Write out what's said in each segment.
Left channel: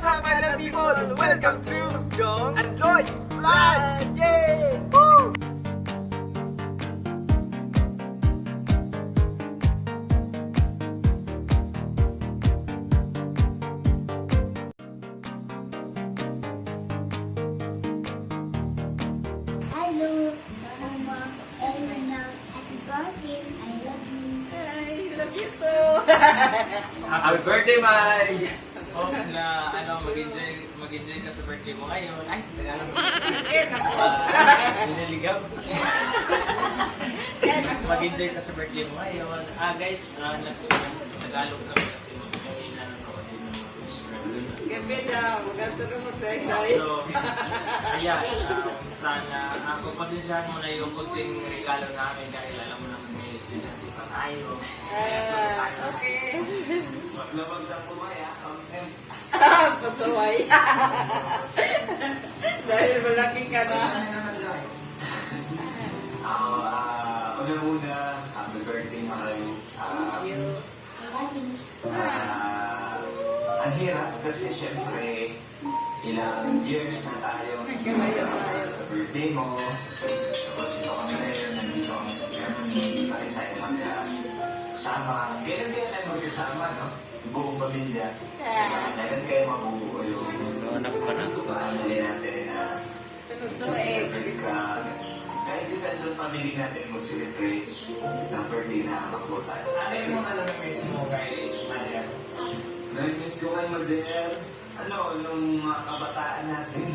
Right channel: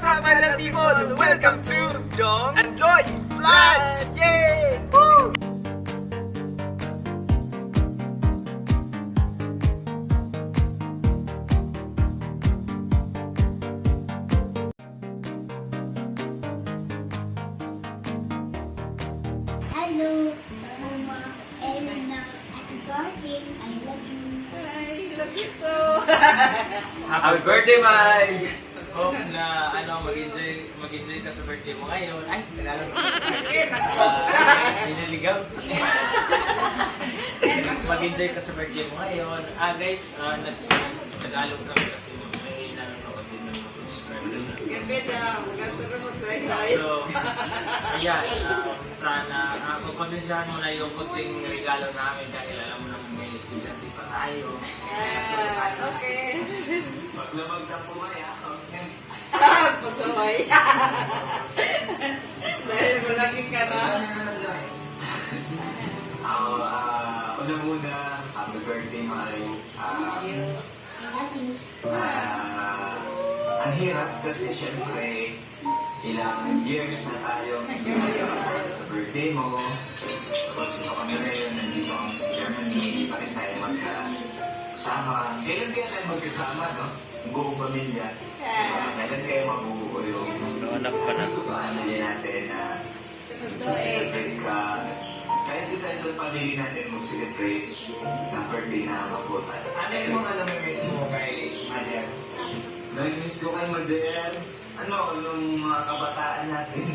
What's up, my love people? Welcome to Jong and Lloyd Vlogs! Yay! Woo! Hello, Oma, Elena, happy birthday, I love you. I love you too. Happy birthday, Mike! Hope na mag-enjoy ka sa birthday mo ngayon. Ay, Tagalog. Pinaligaw. Mag-enjoy ka sa birthday mo ngayon. Guys, Tagalog kami kasi may nanonood din ng mga subscribers. Gabi na, maganda mo tayo. So, ayan, sana pagpasensyahan mo na yung kunting regalo namin dahil alam mo naman may estudyante pa tayo. Okay. Maglabag ka po ba, ya? Pasaway. Dahil malaki ka na. Una muna, happy birthday mahal. Ang hirap kasi syempre, ilang years na tayo sa birthday mo. Tapos ito kami ngayon, nandito kami sa Germany, hindi pa rin tayo magkasama. Kailan magkasama, no? Buong pamilya. Kailan kayo mabubuo yung Anak pa na. paanali natin na celebrate ka. Kaya di sa isang family natin mo celebrate ng birthday na mabutan. Ano yung mga namimiss mo kay Maya? Namimiss ko kay Mader. Nung mga kabataan natin.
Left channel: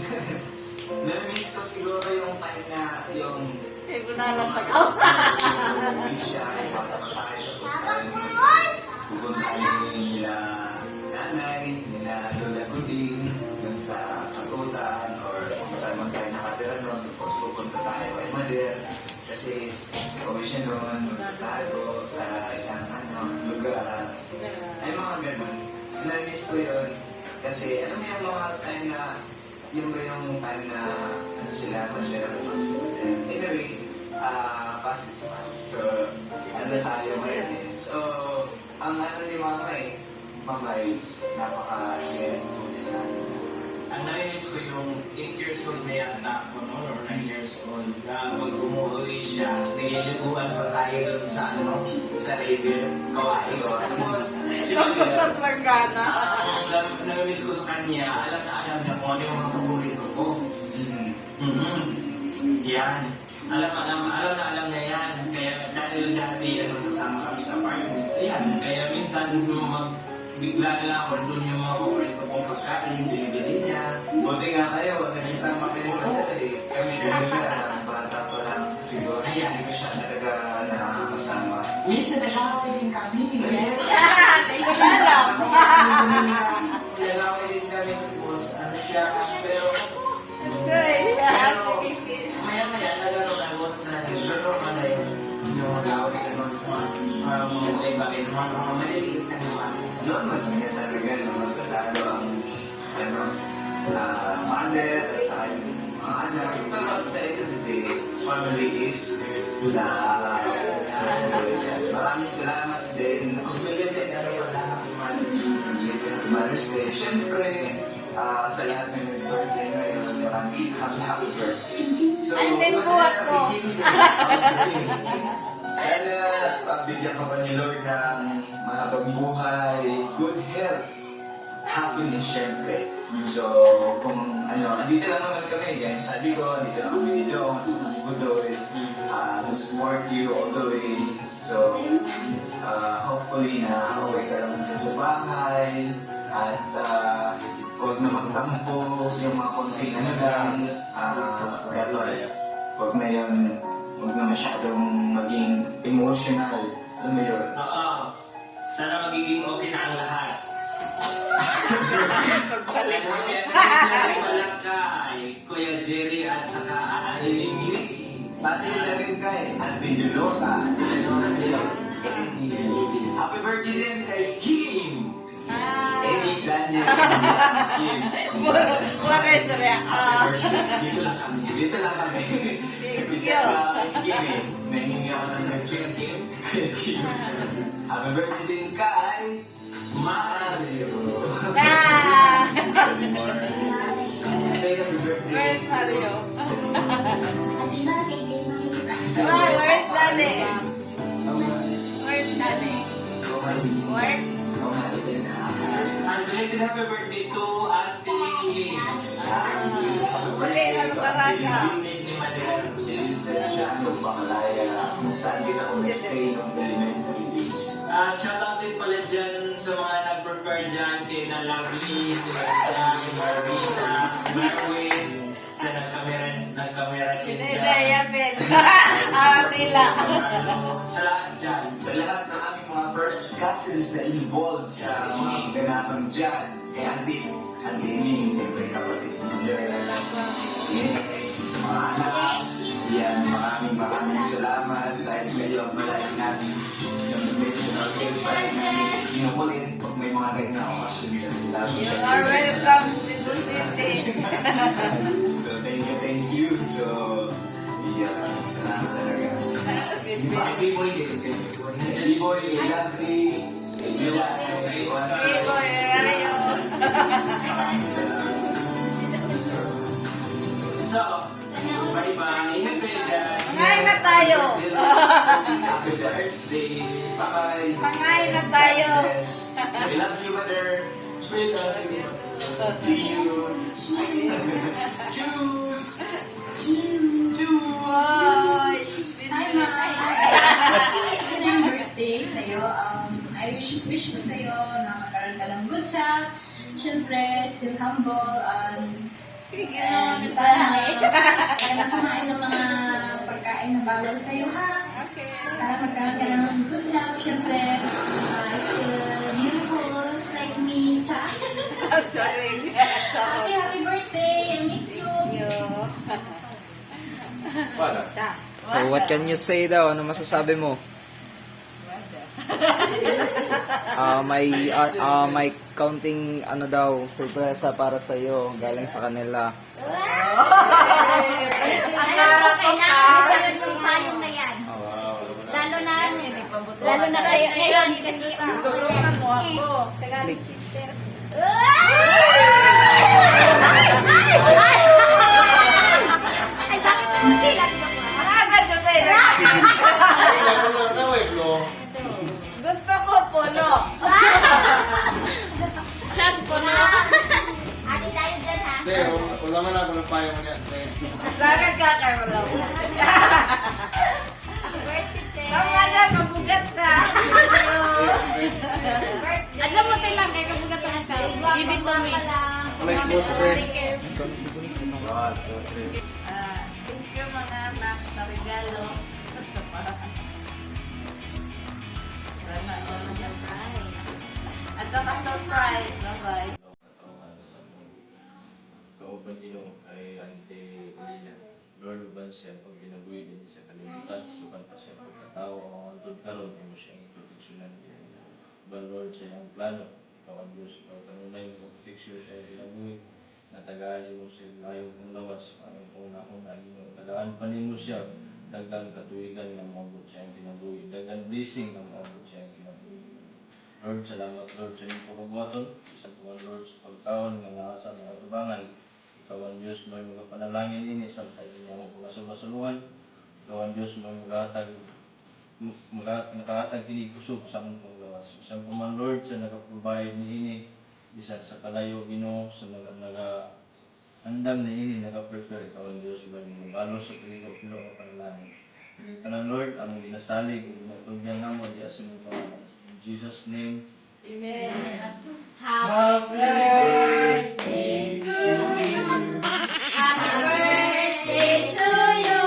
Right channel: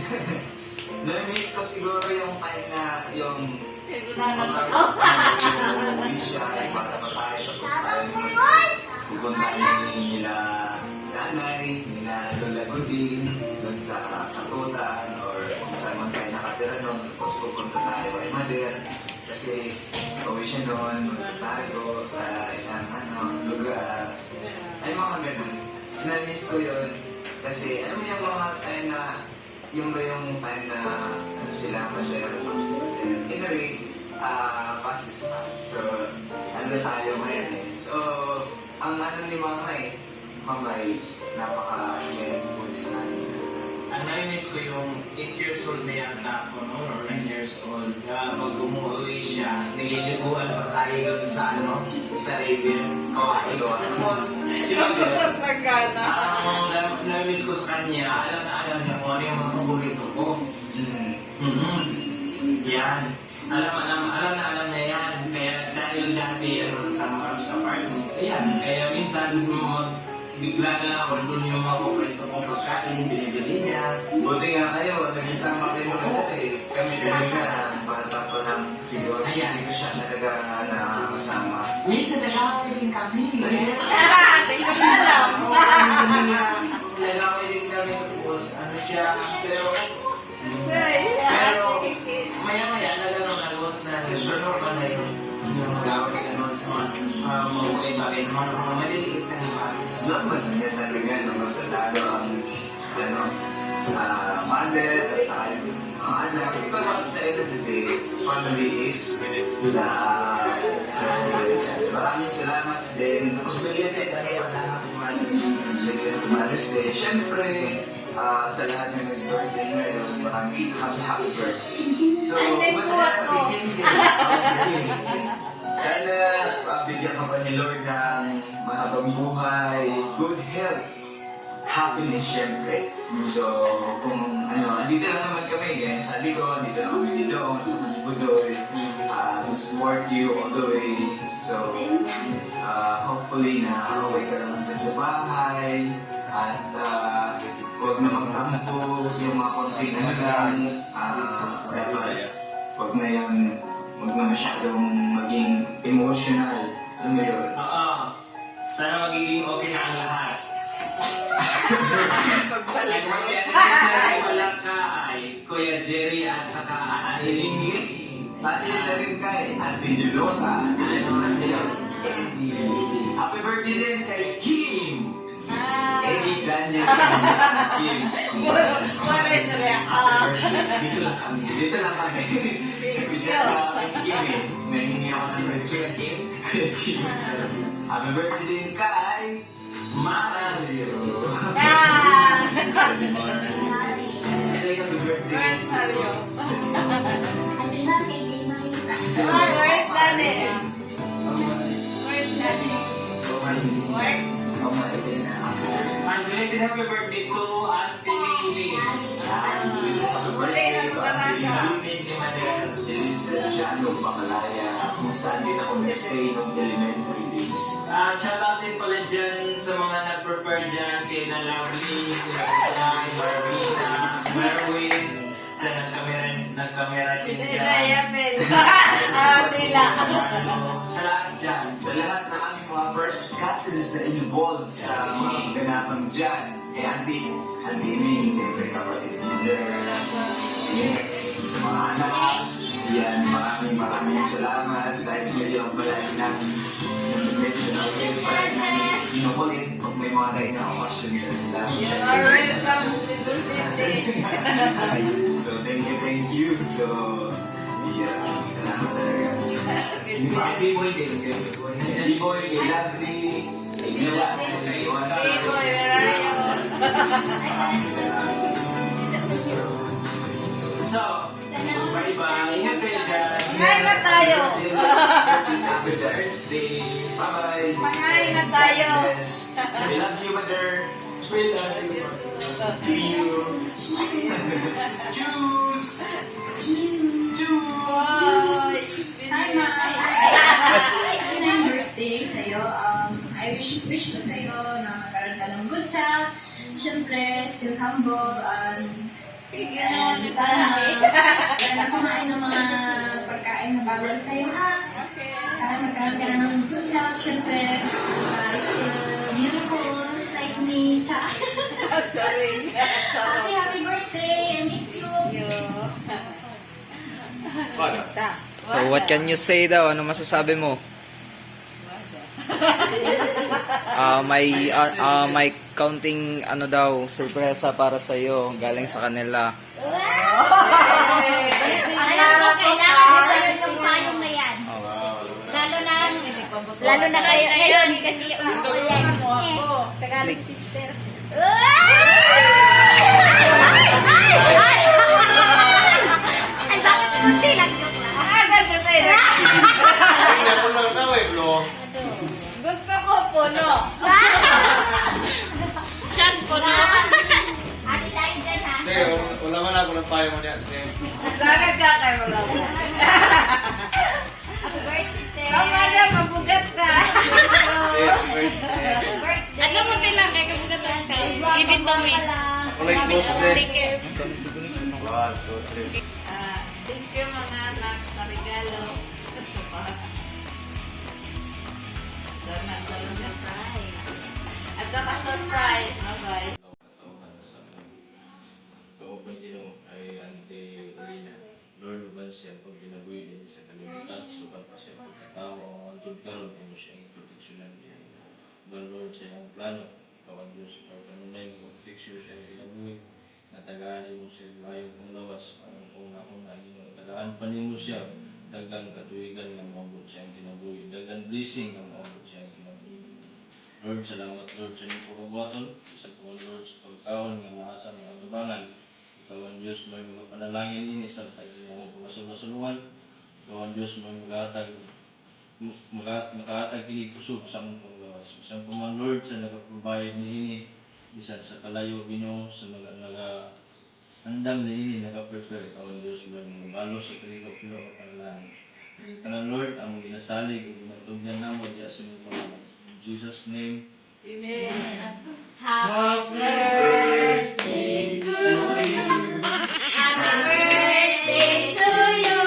Namimiss ko siguro yung time na yung Kaya gunalatagaw. umuwi siya, yung bata pa tayo, tapos tayo pupuntahan nila nanay, nila Lola Guding, dun sa Katutan, or kung saan man tayo nakatira nun, tapos pupunta tayo kay Mader, kasi uwi siya nun, magtatago sa isang lugar, ay mga ganun. Na-miss ko yun, kasi alam niyo yung mga time na, yung ba yung time na sila ma-share at sa sila. Anyway, past is past. So, ano tayo ngayon eh. So, ang ano ni Mama ay napaka-careful sa akin. Nami-miss ko yung 8 years old na yata ako, no? Or 9 years old. Mag-umuwi siya, nililiguan pa tayo doon sa river, Kawai. Tapos, Tapos sa plagana. nami-miss ko sa kanya, alam niya kung ano yung mga paborito ko. Yan. Alam niya yan. Kaya dahil dati, sama kami sa party. Ayan. Kaya minsan, bigla na lang ako doon yung mga paborito kong pagkain, binibili niya. Buti nga kayo, nag-isama kayo dati. Kami siya bata pa lang siguro. Ayan. Hindi ko siya talaga nakakasama. Minsan nagkakawin din kami. Hindi ko na alam. Nagkakawin din kami. Tapos, ano siya. Pero, maya-maya, nalaro pa na yun. Yung gawin ka nun sa mga bagay-bagay ng mga maliliit na mga Yun, maganda talaga nung magtatalo ang mother at saka yung mga anak. Ikaw lang talaga kasi family is love. So, maraming salamat din. Tapos bigyan din ano pa lang ang Mother's Day. Siyempre, sa lahat ng yung birthday ngayon, maraming happy birthday. So, Anday po ako. Sana bigyan ka pa ni Lord ng mahabang buhay, good health, happiness syempre. So, kung andito lang naman kami, ganyan sabi ko, dito lang kami doon, sa Budoy, to support you all the way. So, hopefully na okay ka naman dyan sa bahay, at huwag na magtampo, yung mga konting lang, dapat huwag na masyadong maging emotional. Alam mo yun? Sana magiging okay na ang lahat. Pagbalik Ang ako. yan walang ka ay Kuya Jerry at saka Anilingi. Pati na rin kay Ate Yulota. Happy birthday din kay Kim! Eddie Daniel Kim. Wala ito rin. Dito lang kami. Thank you. Kim eh. Nahingi ako ng birthday kay Kim. Happy birthday din kay Mario. Mario. Happy birthday, Mommy. Where's Daddy? Where's Daddy? Where? And belated happy birthday to Auntie Mingling. Uli na lubaraga. Unit ni Manila. Licenciado Bakalaya, kung saan din ako nag-stay ng elementary days. Shout out din pala dyan sa mga nag-prepare dyan kay na Lovely, kay Marvina, Marwin, sa nagkamera din Hindi dyan. na yapin. Nila. Sa lahat dyan. Sa lahat ng aming mga first cousins na involved sa mga ganapan dyan, kay Andy Ming, siyempre kapatid ni Mother, sa mga anak, yan, maraming salamat dahil ngayon palagi namin nag-mention natin, palagi namin inukulit pag may mga kayo na okasyon na sila. You are welcome to City. So, thank you. So, yeah, salamat talaga. B-Boy, kay Lovely, kay Mila, kay Iwana, B-Boy, Rayon. maraming salamat. So, bye-bye. Ingat kayo dyan. Pangain na tayo. Happy birthday. Bye-bye. Pangain na tayo. We love you, Mother. We love you. See you. Choose. Bye. Hi, Mai. Happy birthday sa'yo. I wish ko sa'yo na magkaroon ka ng good health. Siyempre, still humble and sana kumain ng mga pagkain na bawal sa'yo, ha? Okay. Para magkaroon ka ng good health. Siyempre, still beautiful like me. Cha. Sorry. Happy birthday. I miss you. So what can you say daw? Ano masasabi mo? May counting ano daw, sorpresa para sa iyo galing sa kanila. Ang harap ko ka. Tayong na yan. Oh. Lalo na kayo ngayon kasi Tulungan mo ako. Click. sister. Ay, bakit hindi lang joke lang? Asa siya tayo? Gusto ko puno. Siyan ko na. Ate tayo dyan ha. Wala man ako ng payo mo niyan. Sagad ka kayo wala ko. Happy birthday. Tama na, mabugat na. Alam mo bilang kaya kabugat lang kayo. Ibig to me. Take care. Thank you mga anak sa regalo. At sa pa. Sana surprise. At saka surprise. Bye-bye. Kauban ino ay Auntie Orina. Lord, uban siya pag binabuhi din sa kalimutan, sukan pa siya pagkatao ang antod karon mo siya ang proteksyonan niya. Uban Lord siya ang plano, ikaw ang Diyos, ikaw kanunay mo proteksyon siya ang binabuhi. Natagaan mo siya layong kong lawas, parang una-una ino. Tagaan pa mo siya, dagang katuwigan ng maabot siya ang kinabuhi, dagang blessing ng maabot siya ang kinabuhi. Lord, salamat Lord sa inyong pagkabuhaton. Sa mga Lord sa pagkaon ng nasa mga tubangan. Ikaw ang Diyos mo mga panalangin ini sa kanyang pagkasunod-sunungan. Ikaw ang Diyos mo makahatag kini kusog sa mong panglawas. Isang pamang Lord sa nagaprovide ni ini. Bisan sa kalayo Ginoo sa mga handam ni ini nakaprepare. Ikaw ang Diyos mo magalo sa kaligap Ginoo ang panalangin. Kanang Lord, ang ginasalig, ang matugyan na mo, diya sa mga pangalan. In Jesus' name, Amen. Happy birthday to you. Happy birthday to you.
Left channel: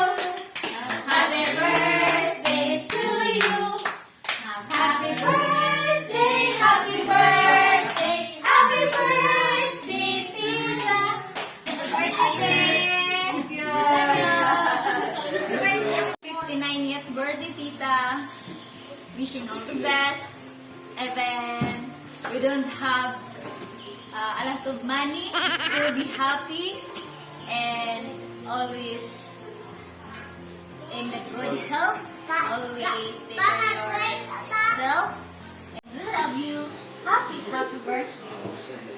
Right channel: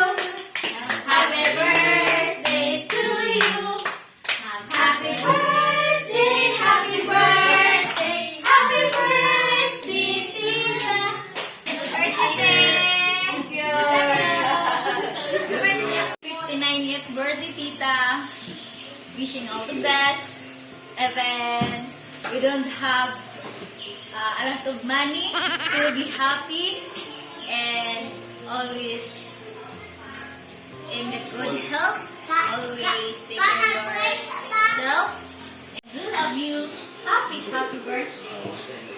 Happy birthday to you. Happy birthday, happy birthday, happy birthday, Tita. Happy birthday. Thank you. 59th birthday, Tita. Wishing all the best. Even we don't have a lot of money, still be happy and always in the good health. Always take care of yourself. And we love you. Happy birthday.